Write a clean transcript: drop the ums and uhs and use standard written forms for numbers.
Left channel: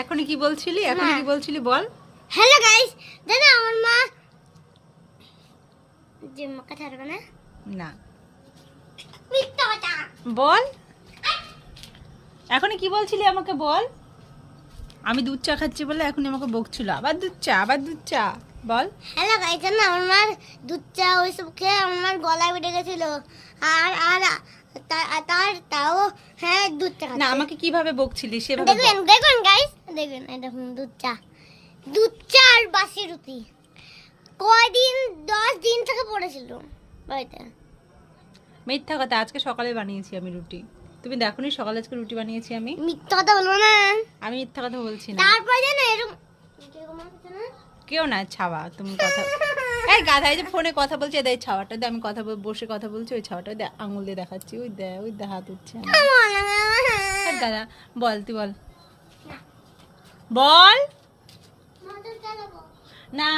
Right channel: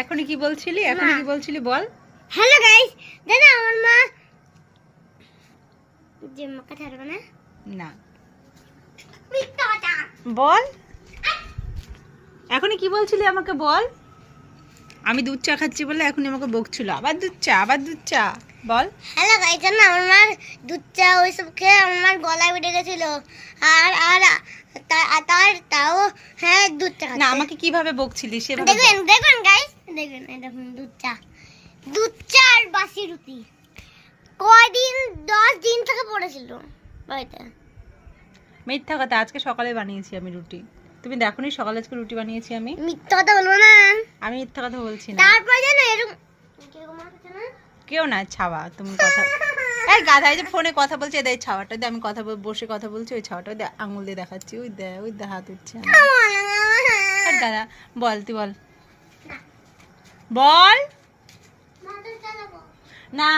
এখন কি বলছিলি বল। হ্যালো গাইস, জানো আমার মা যে মাকে ছাড়বে না। না মিথ্যা কথা বল, এখনই কি বলছিলি আমাকে বল। আমি দুধ চা খাচ্ছি বলে এখনই আমাকে বকছিল, আবার দুধ চা বল। হ্যালো গাইস, জানো আমার মা দুধ চা ওইসব খেয়ে আমার মার গলায় বেঁধে গেছিল। আর আর তাও হ্যাঁ দুধ চা না আমাকে কিভাবে বকছিলি সেভাবে দেখবেন দেখবেন গাইস, দেখবেন এই দেখুন দুধ চা আর বাসি রুটি কয়দিন 10 দিন থেকে পড়েছিল বাড়িতে। মিথ্যা কথা, আজকে সকালে বানিয়েছি আমি রুটি। তুমি দেখোনি সকালে আজকে রুটি বানিয়েছি আমি। মিথ্যা কথা বলবো না। আমি মিথ্যা কথা বলছি না। তারপর জানো এরকম কিরকম হচ্ছে না, কেউ না ছাওয়া, তুমি কথা এই গাধা, এই যে ফোনে কথা বলছে এই ছাওয়াটা দিয়ে আমি বসে কথা বলছি, ওই ছাওয়াটা দিয়ে আঙুল দিয়ে দেখাচ্ছি, ওই দে হাত উঠছে আর গাধা। বল তুই বল বল। মাথা চালাবো না